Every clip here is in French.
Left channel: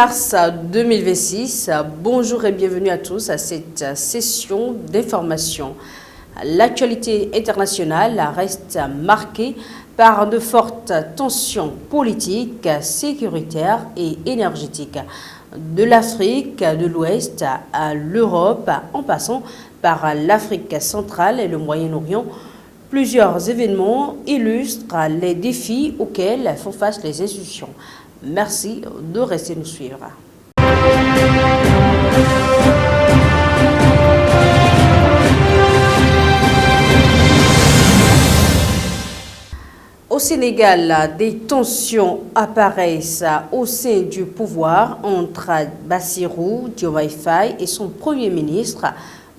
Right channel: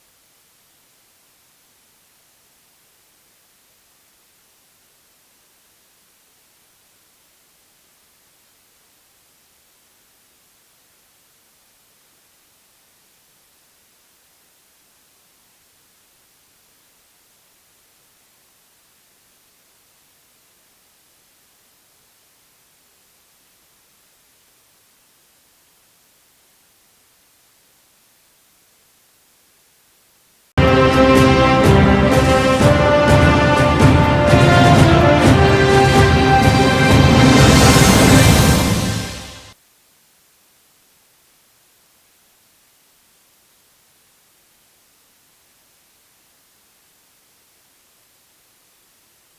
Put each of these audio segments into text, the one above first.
mars 2026, bonjour et bienvenue à tous à cette session d'information. L'actualité internationale reste marquée par de fortes tensions politiques, sécuritaires et énergétiques. De l'Afrique de l'Ouest à l'Europe, en passant par l'Afrique centrale et le Moyen-Orient, plusieurs événements illustrent les défis auxquels font face les institutions. Merci de rester nous suivre. Au Sénégal, des tensions apparaissent au sein du pouvoir entre Bassirou Diomaye Faye et son Premier ministre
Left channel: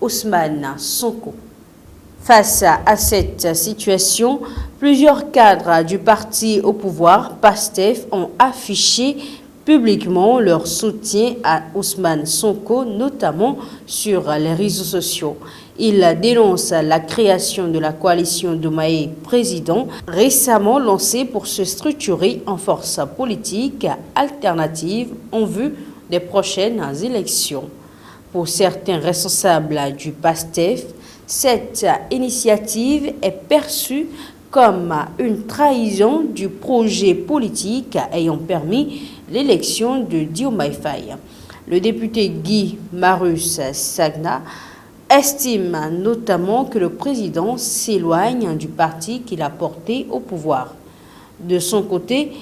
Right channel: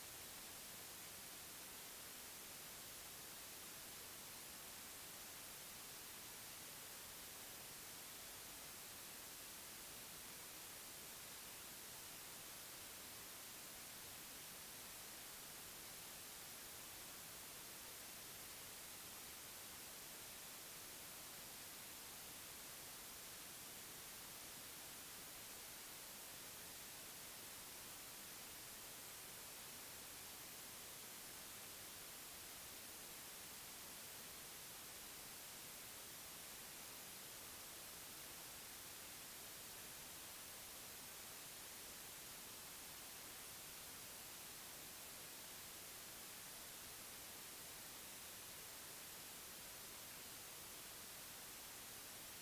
Ousmane Sonko. Face à cette situation, plusieurs cadres du parti au pouvoir, PASTEF, ont affiché publiquement leur soutien à Ousmane Sonko, notamment sur les réseaux sociaux. Ils dénoncent la création de la coalition Diomaye président, récemment lancée pour se structurer en force politique alternative en vue des prochaines élections. Pour certains responsables du PASTEF, cette initiative est perçue comme une trahison du projet politique ayant permis l'élection de Diomaye Faye. Le député Guy Marius Sagna estime notamment que le président s'éloigne du parti qu'il a porté au pouvoir. De son côté,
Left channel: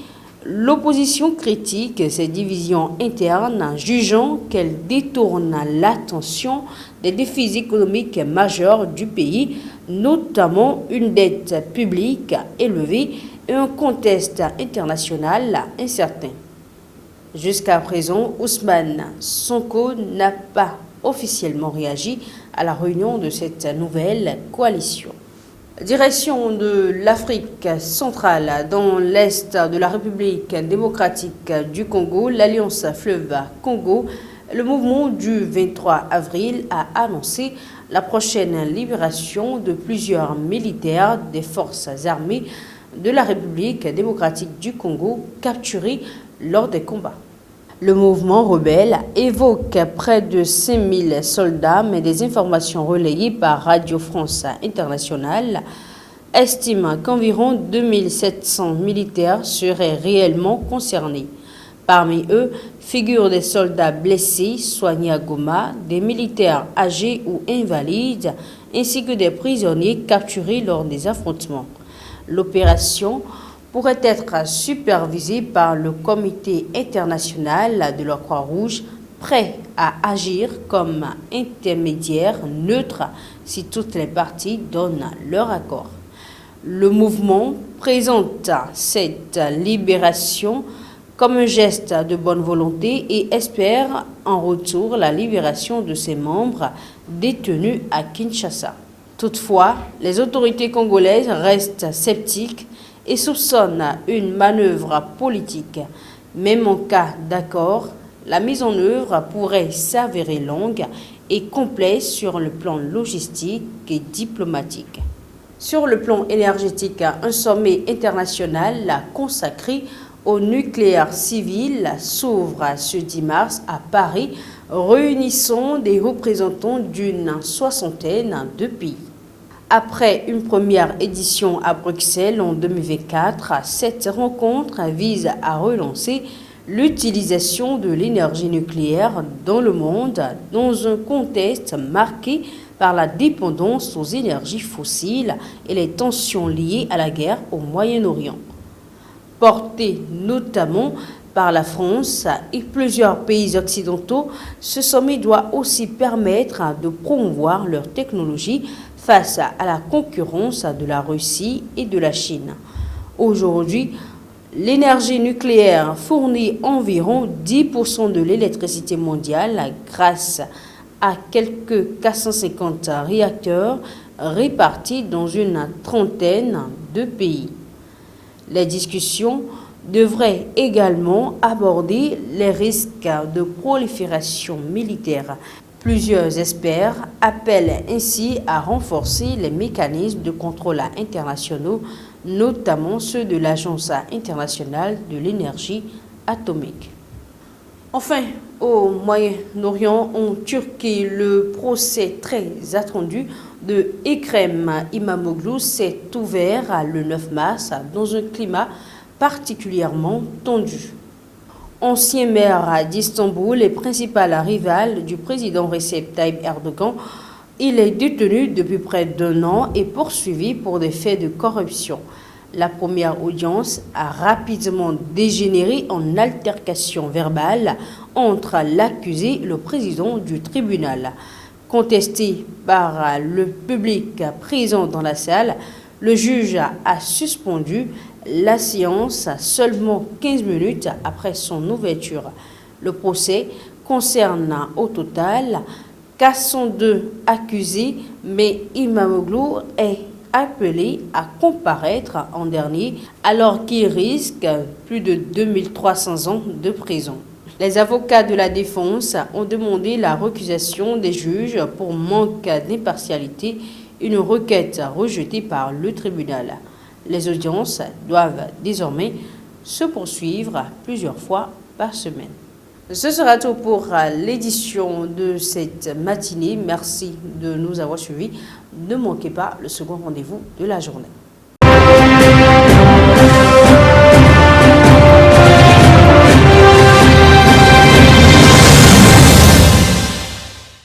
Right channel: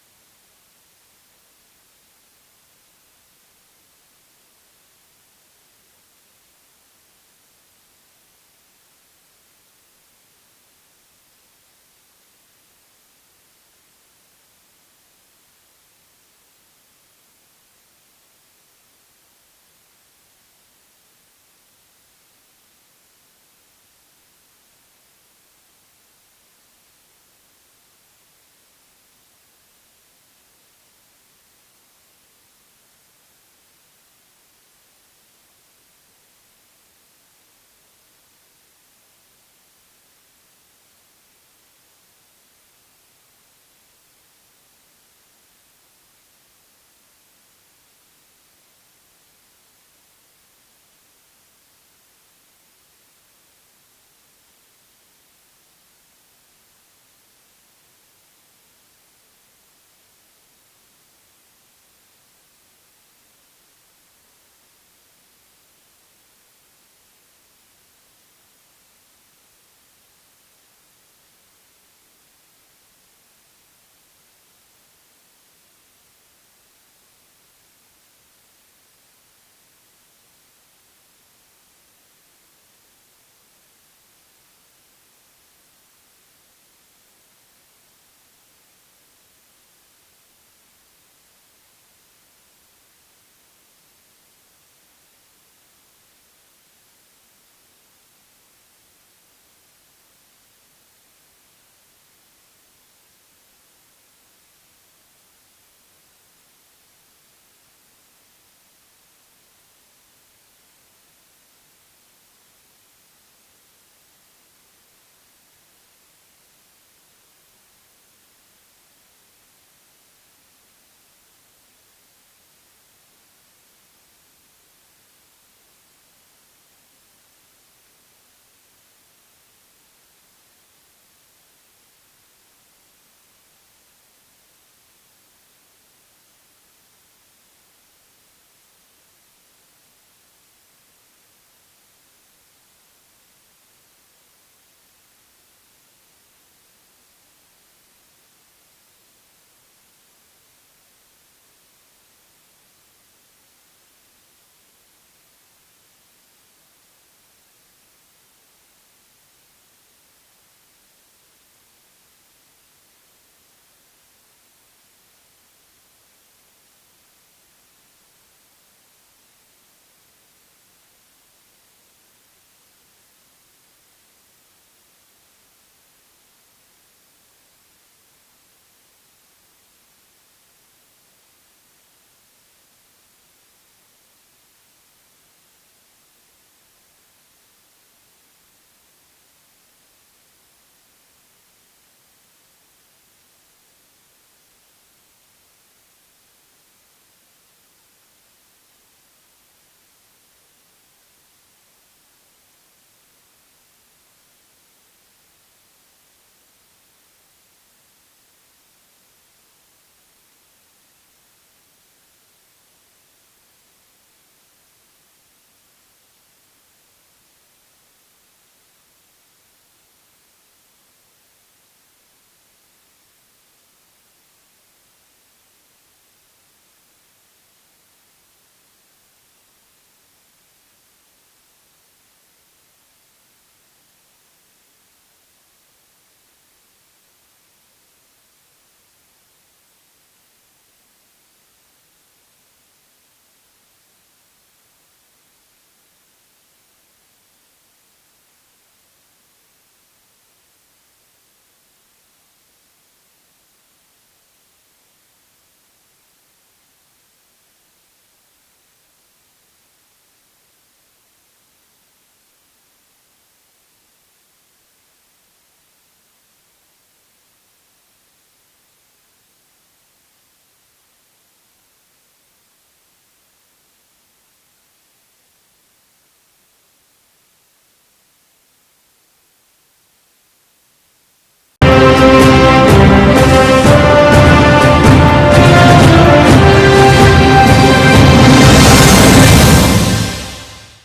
l'opposition critique ces divisions internes, jugeant qu'elles détournent l'attention des défis économiques majeurs du pays, notamment une dette publique élevée et un contexte international incertain. Jusqu'à présent, Ousmane Sonko n'a pas officiellement réagi à la réunion de cette nouvelle coalition. Direction de l'Afrique centrale, dans l'est de la République démocratique du Congo, l'Alliance Fleuve Congo, le mouvement du 23 avril a annoncé la prochaine libération de plusieurs militaires des forces armées de la République démocratique du Congo capturés lors des combats. Le mouvement rebelle évoque près de 5000 soldats, mais des informations relayées par Radio France Internationale estiment qu'environ 2700 militaires seraient réellement concernés. Parmi eux figurent des soldats blessés, soignés à Goma, des militaires âgés ou invalides, ainsi que des prisonniers capturés lors des affrontements. L'opération pourrait être supervisée par le Comité international de la Croix-Rouge, prêt à agir comme intermédiaire neutre si toutes les parties donnent leur accord. Le mouvement présente cette libération comme un geste de bonne volonté et espère en retour la libération de ses membres détenus à Kinshasa. Toutefois, les autorités congolaises restent sceptiques et soupçonnent une manœuvre politique. Même en cas d'accord, la mise en œuvre pourrait s'avérer longue et complexe sur le plan logistique et diplomatique. Sur le plan énergétique, un sommet international consacré au nucléaire civil s'ouvre ce 10 mars à Paris, réunissant des représentants d'une soixantaine de pays. Après une première édition à Bruxelles en 2024, cette rencontre vise à relancer l'utilisation de l'énergie nucléaire dans le monde dans un contexte marqué par la dépendance aux énergies fossiles et les tensions liées à la guerre au Moyen-Orient. Porté notamment par la France et plusieurs pays occidentaux, ce sommet doit aussi permettre de promouvoir leur technologie face à la concurrence de la Russie et de la Chine. Aujourd'hui, l'énergie nucléaire fournit environ 10% de l'électricité mondiale grâce à quelques 450 réacteurs répartis dans une trentaine de pays. Les discussions devraient également aborder les risques de prolifération militaire. Plusieurs experts appellent ainsi à renforcer les mécanismes de contrôle internationaux, notamment ceux de l'Agence internationale de l'énergie atomique. Enfin, au Moyen-Orient, en Turquie, le procès très attendu de Ekrem İmamoğlu s'est ouvert le 9 mars dans un climat particulièrement tendu. Ancien maire d'Istanbul et principal rival du président Recep Tayyip Erdogan, il est détenu depuis près d'1 an et poursuivi pour des faits de corruption. La première audience a rapidement dégénéré en altercation verbale entre l'accusé et le président du tribunal. Contesté par le public présent dans la salle, le juge a suspendu la séance seulement 15 minutes après son ouverture. Le procès concerne au total 402 accusés, mais İmamoğlu est appelé à comparaître en dernier alors qu'il risque plus de 2300 ans de prison. Les avocats de la défense ont demandé la récusation des juges pour manque d'impartialité, une requête rejetée par le tribunal. Les audiences doivent désormais se poursuivre plusieurs fois par semaine. Ce sera tout pour l'édition de cette matinée. Merci de nous avoir suivis. Ne manquez pas le second rendez-vous de la journée.